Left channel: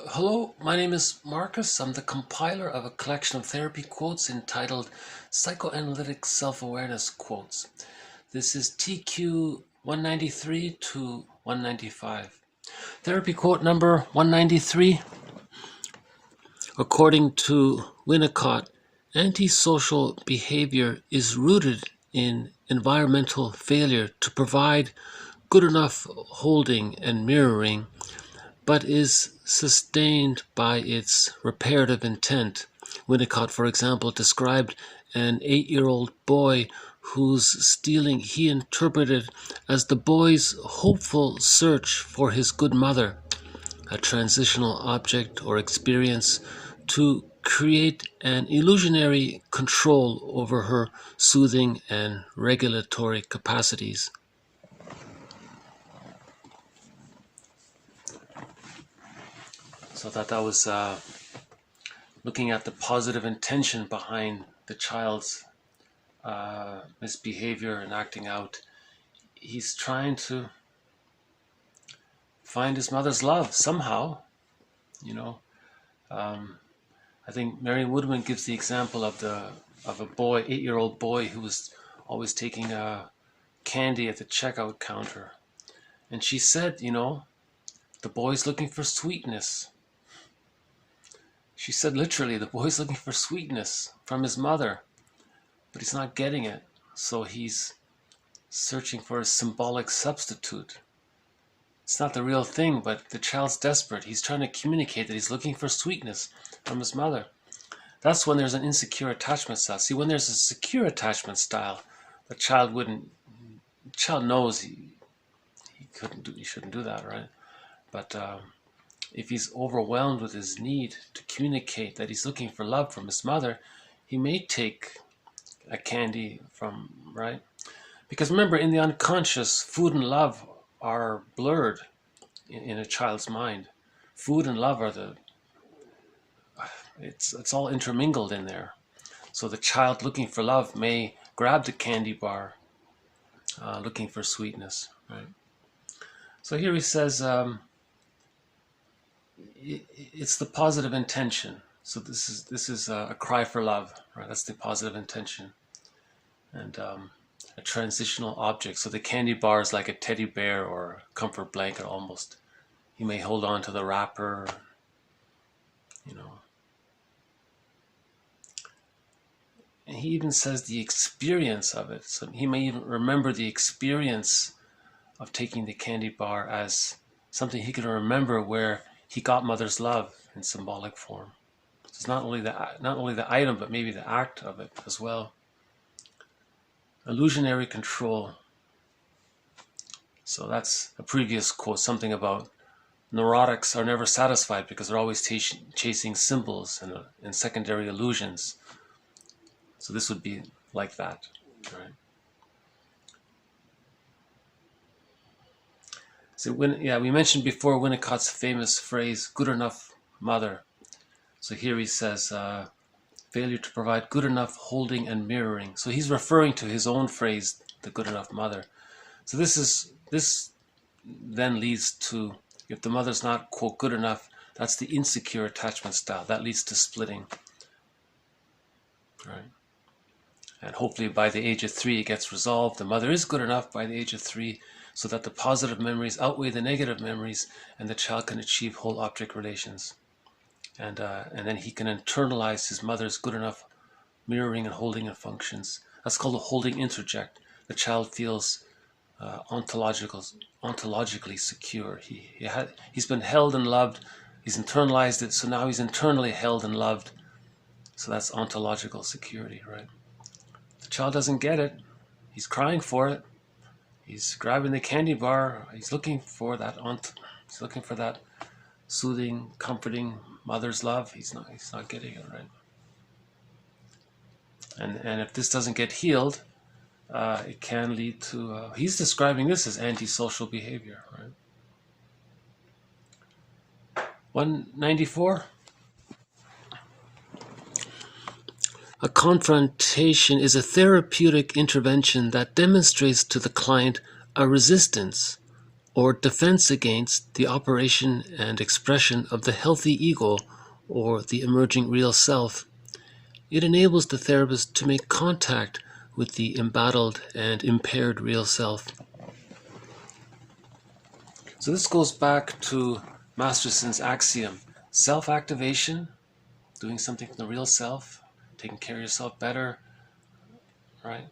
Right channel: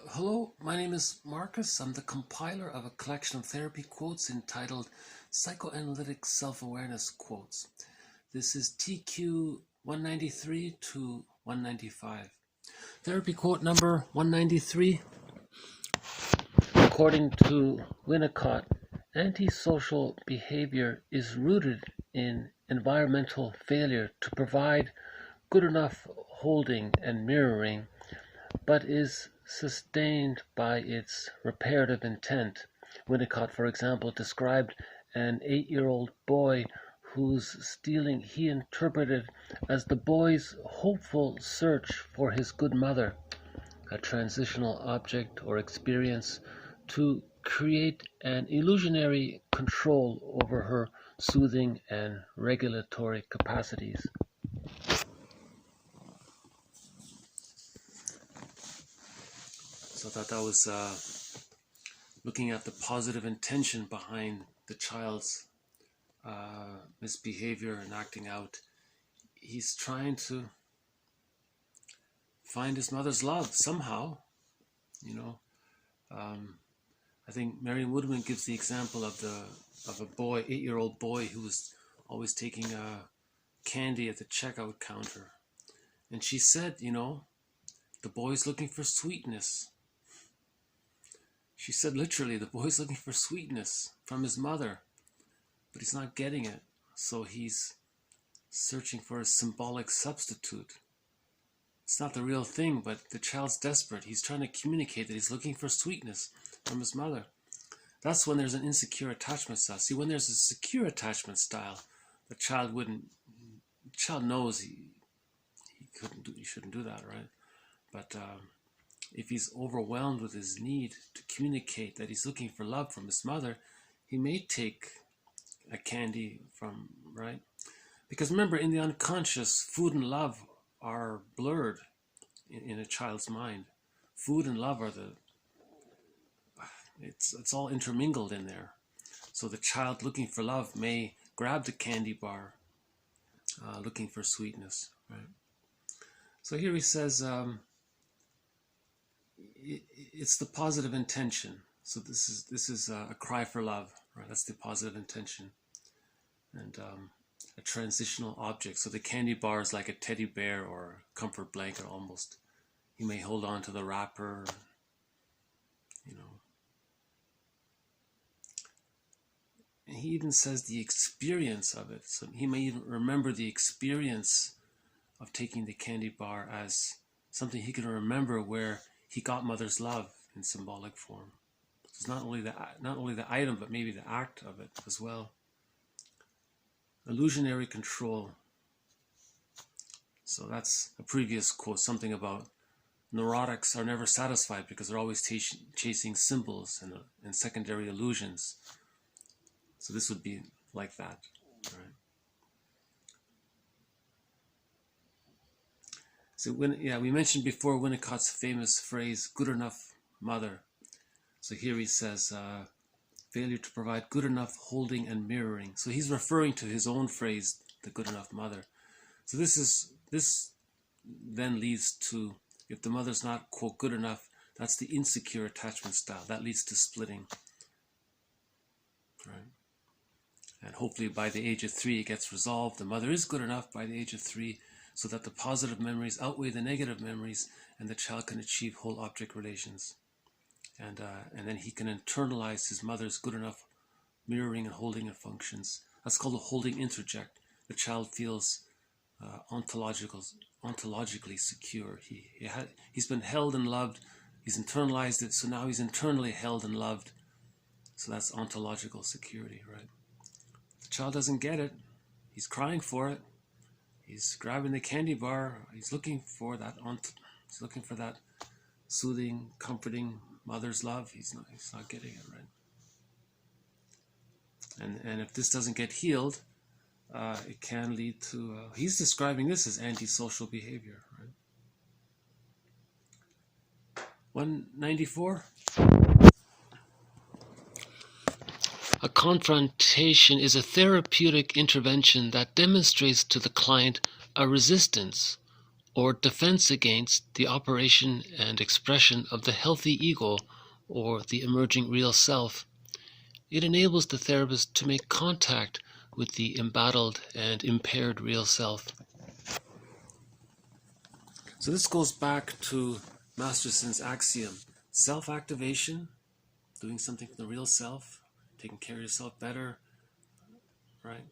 Hello, my name is Marcus. I'm the compiler of a collection of therapy quotes entitled Psychoanalytic Self-Awareness Quotes. This is TQ 193 to 195. Therapy quote number 193. According to Winnicott, antisocial behavior is rooted in environmental failure to provide good enough holding and mirroring, but is sustained by its reparative intent. Winnicott, for example, described an 8-year-old boy whose stealing he interpreted as the boy's hopeful search for his good mother, a transitional object or experience to create an illusionary control over her soothing and regulatory capacities. So I thought that was looking at the positive intention behind the child's misbehavior and acting out. He's trying to find his mother's love somehow, you know. I think Marion Woodman gives the example of a boy, 8-year-old boy, who was always taking candy at the checkout counter, and she said, the boy's looking for sweetness. She said literally, the boy's looking for sweetness from his mother, but he's not getting it. So he's searching for a symbolic substitute. It's not the real thing, but the child's desperate. He's trying to communicate that he's looking for sweetness from his mother. That's when there's an insecure attachment style. See, when there's a secure attachment style, the child knows he shouldn't do that, right? But if he's overwhelmed with his need to communicate that he's looking for love from his mother, he may take a candy from, right? Because remember, in the unconscious, food and love are blurred in a child's mind. Food and love are it's all intermingled in there. So the child looking for love may grab the candy bar, looking for sweetness, right? So here he says, it's the positive intention. So this is a cry for love, right? That's the positive intention. And a transitional object. So the candy bar is like a teddy bear or a comfort blanket almost. He may hold on to the wrapper, And he even says the experience of it. So he may even remember the experience of taking the candy bar as something he can remember where he got mother's love in symbolic form. It's not only the item, but maybe the act of it as well. Illusionary control. So that's a previous quote, something about neurotics are never satisfied because they're always chasing symbols and secondary illusions. So this would be like that, right? So we mentioned before Winnicott's famous phrase, good enough mother. So here he says, failure to provide good enough holding and mirroring. So he's referring to his own phrase, the good enough mother. So this then leads to, if the mother's not, quote, good enough, that's the insecure attachment style. That leads to splitting, right? And hopefully by the age of 3 it gets resolved. The mother is good enough by the age of 3 so that the positive memories outweigh the negative memories and the child can achieve whole object relations. And then he can internalize his mother's good enough mirroring and holding and functions. That's called a holding interject. The child feels ontologically secure. He's been held and loved. He's internalized it, so now he's internally held and loved. So that's ontological security, right? The child doesn't get it. He's crying for it. He's grabbing the candy bar. He's looking for that. He's looking for that soothing, comforting mother's love. He's not getting it, right? And if this doesn't get healed, it can lead to. He's describing this as antisocial behavior, right? 194. A confrontation is a therapeutic intervention that demonstrates to the client a resistance or defense against the operation and expression of the healthy ego or the emerging real self. It enables the therapist to make contact with the embattled and impaired real self. So this goes back to Masterson's axiom: self-activation, doing something for the real self, taking care of yourself better, right,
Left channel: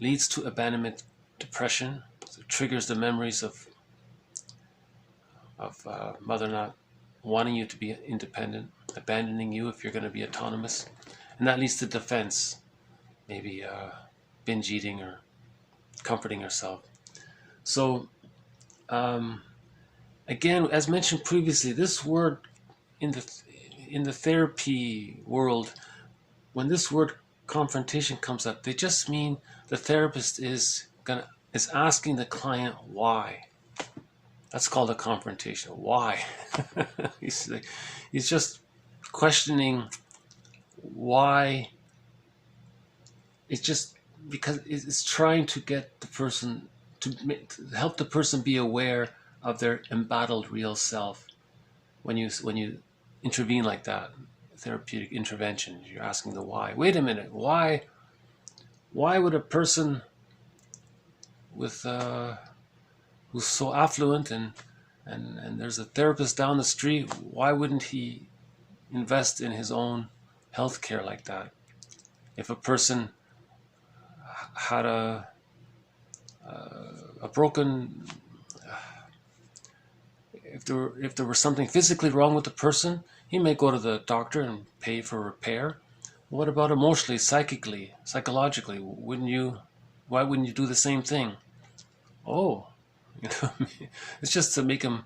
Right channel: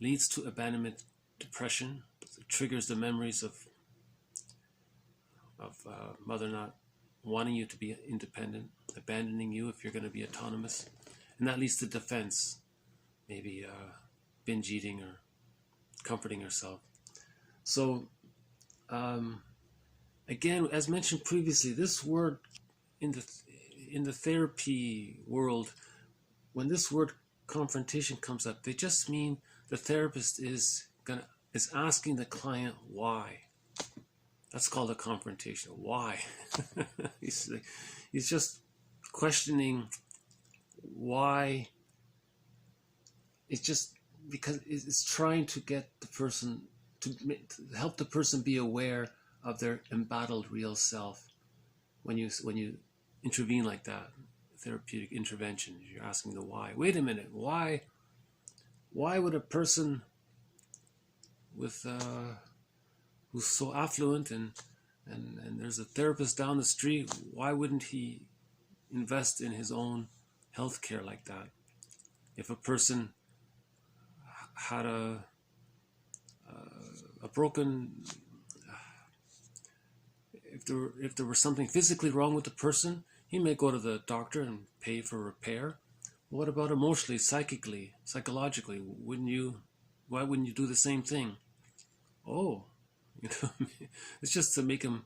leads to abandonment depression. So it triggers the memories of mother not wanting you to be independent, abandoning you if you're going to be autonomous, and that leads to defense, maybe binge eating or comforting yourself. So again, as mentioned previously, this word in the therapy world, when this word confrontation comes up, they just mean the therapist is asking the client why. That's called a confrontation. Why? he's just questioning why. It's just because it's trying to get the person to help the person be aware of their embattled real self. When you intervene like that, therapeutic intervention, you're asking the why. Wait a minute, why would a person with who's so affluent and there's a therapist down the street, why wouldn't he invest in his own health care like that? If a person had a broken, if there were something physically wrong with the person, he may go to the doctor and pay for repair. What about emotionally, psychically, psychologically? Why wouldn't you do the same thing? Oh, it's just to make him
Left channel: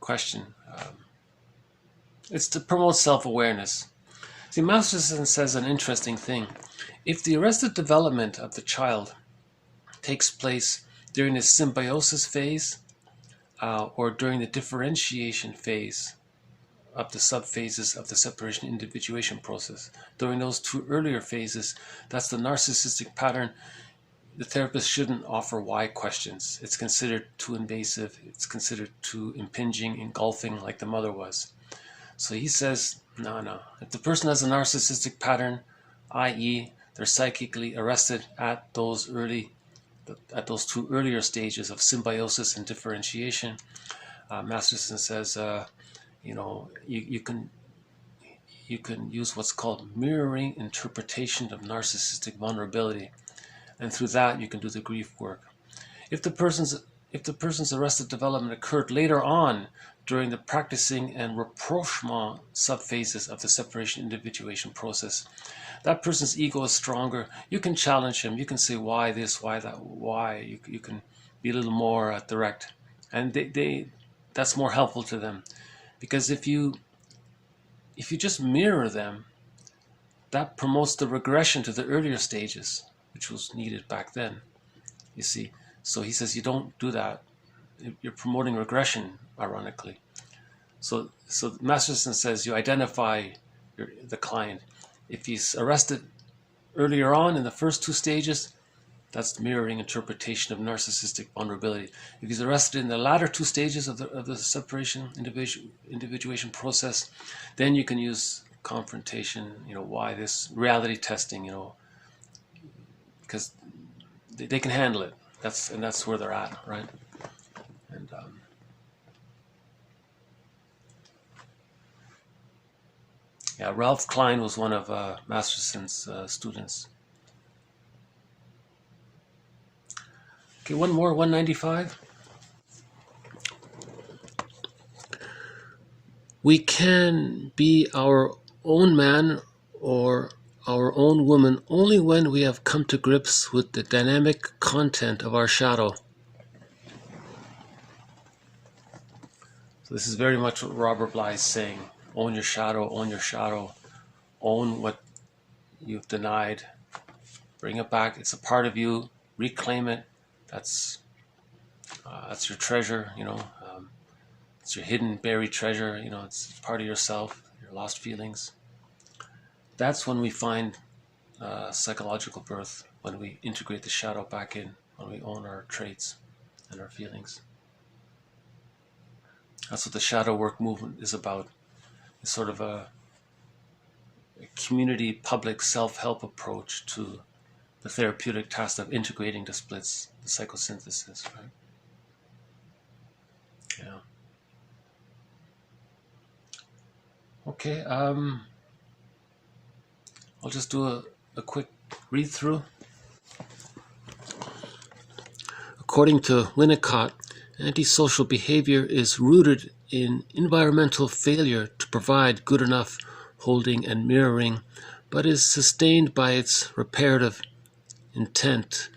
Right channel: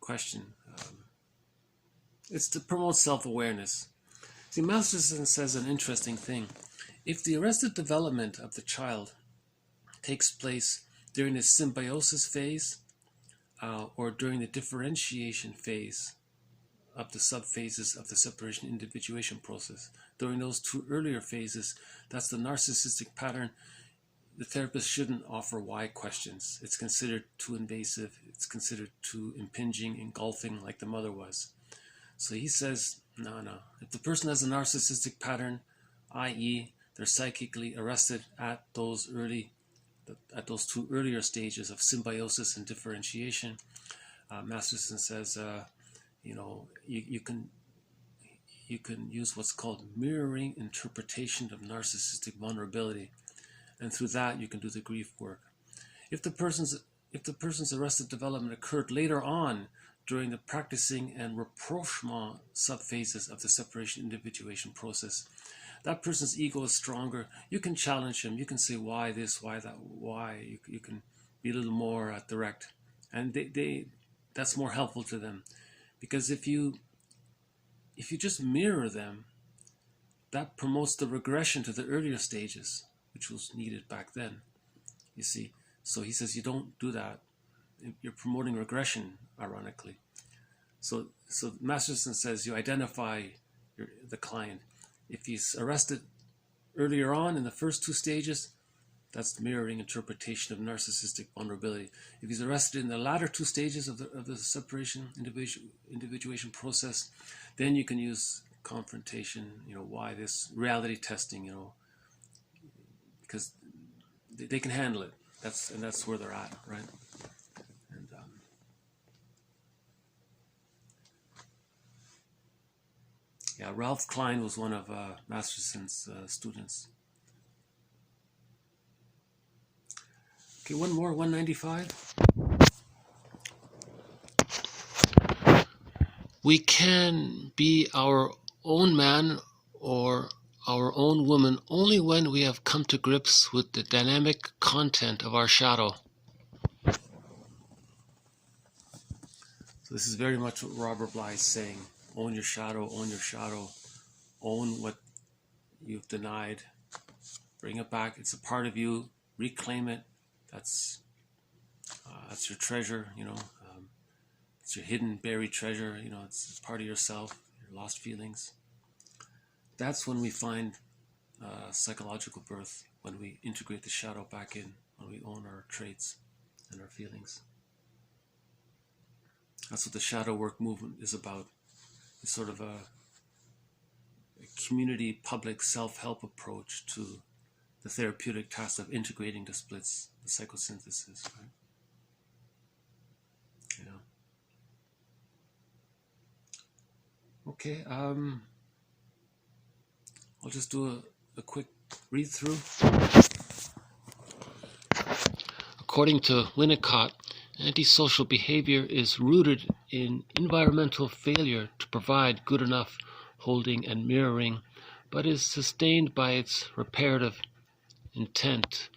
question. It's to promote self-awareness. See, Masterson says an interesting thing. If the arrested development of the child takes place during the symbiosis phase or during the differentiation phase of the subphases of the separation individuation process, during those two earlier phases, that's the narcissistic pattern, the therapist shouldn't offer why questions. It's considered too invasive. It's considered too impinging, engulfing, like the mother was. So he says, no. If the person has a narcissistic pattern, i.e., they're psychically arrested at those two earlier stages of symbiosis and differentiation, Masterson says, you can use what's called mirroring interpretation of narcissistic vulnerability, and through that you can do the grief work. If the person's arrested development occurred later on during the practicing and rapprochement subphases of the separation individuation process, that person's ego is stronger. You can challenge him. You can say why this, why that, why. You can be a little more direct, and that's more helpful to them, because if you just mirror them, that promotes the regression to the earlier stages, which was needed back then. You see, so he says you don't do that. You're promoting regression, ironically. So Masterson says you identify the client. If he's arrested earlier on in the first two stages, that's mirroring interpretation of narcissistic vulnerability. If he's arrested in the latter two stages of the separation individuation process, then you can use confrontation. Why this reality testing? Because they can handle it. That's where they're at, right? And Ralph Klein was one of Masterson's students. Okay, one more, 195. We can be our own man or our own woman only when we have come to grips with the dynamic content of our shadow. So this is very much what Robert Bly is saying. Own your shadow, own what you've denied, bring it back. It's a part of you, reclaim it. That's your treasure, it's your hidden, buried treasure, it's part of yourself, your lost feelings. That's when we find psychological birth, when we integrate the shadow back in, when we own our traits and our feelings. That's what the shadow work movement is about. It's sort of a community public self-help approach to the therapeutic task of integrating the splits, the psychosynthesis, right? Yeah. Okay, I'll just do a quick read through. According to Winnicott, antisocial behavior is rooted in environmental failure to provide good enough holding and mirroring, but is sustained by its reparative intent.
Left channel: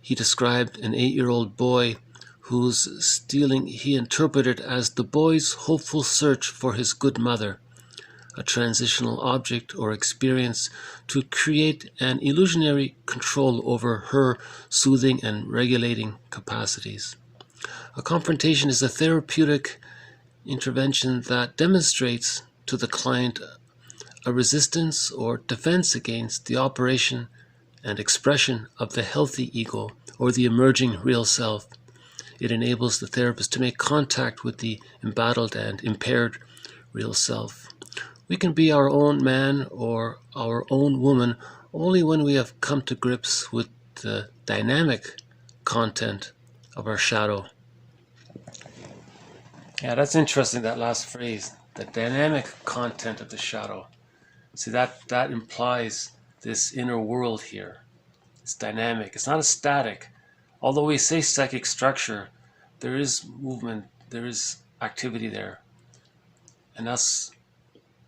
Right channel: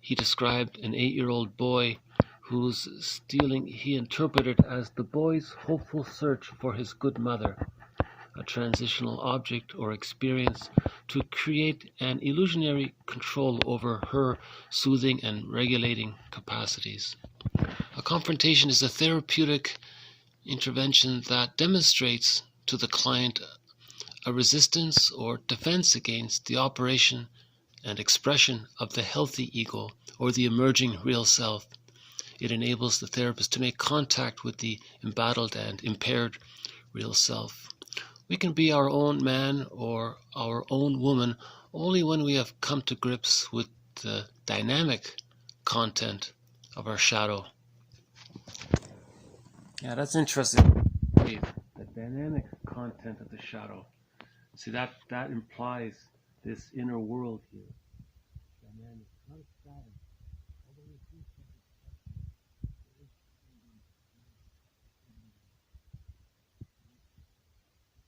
He described an 8-year-old boy whose stealing he interpreted as the boy's hopeful search for his good mother, a transitional object or experience to create an illusionary control over her soothing and regulating capacities. A confrontation is a therapeutic intervention that demonstrates to the client a resistance or defense against the operation and expression of the healthy ego or the emerging real self. It enables the therapist to make contact with the embattled and impaired real self. We can be our own man or our own woman only when we have come to grips with the dynamic content of our shadow. Yeah, that's interesting, that last phrase, the dynamic content of the shadow. See, that implies this inner world here. It's dynamic. It's not a static. Although we say psychic structure, there is movement, there is activity there. And that's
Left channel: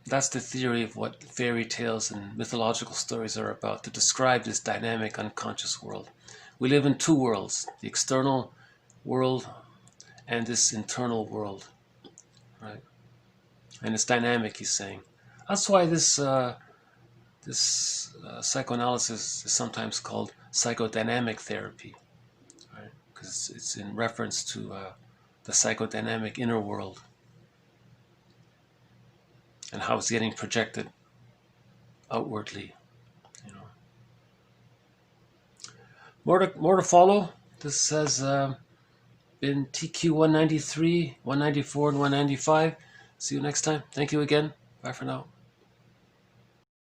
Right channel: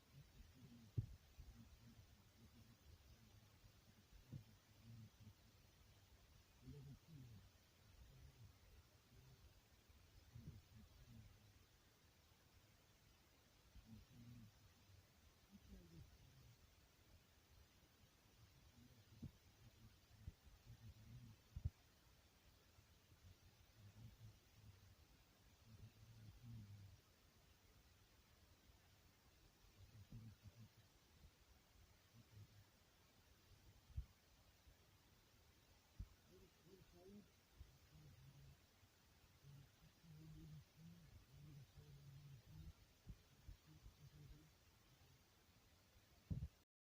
the theory of what fairy tales and mythological stories are about, to describe this dynamic unconscious world. We live in two worlds, the external world and this internal world, right? And it's dynamic, he's saying. That's why this psychoanalysis is sometimes called psychodynamic therapy, right? Because it's in reference to the psychodynamic inner world and how it's getting projected outwardly, you know. More to follow. This says in TQ 193, 194, and 195. See you next time. Thank you again. Bye for now.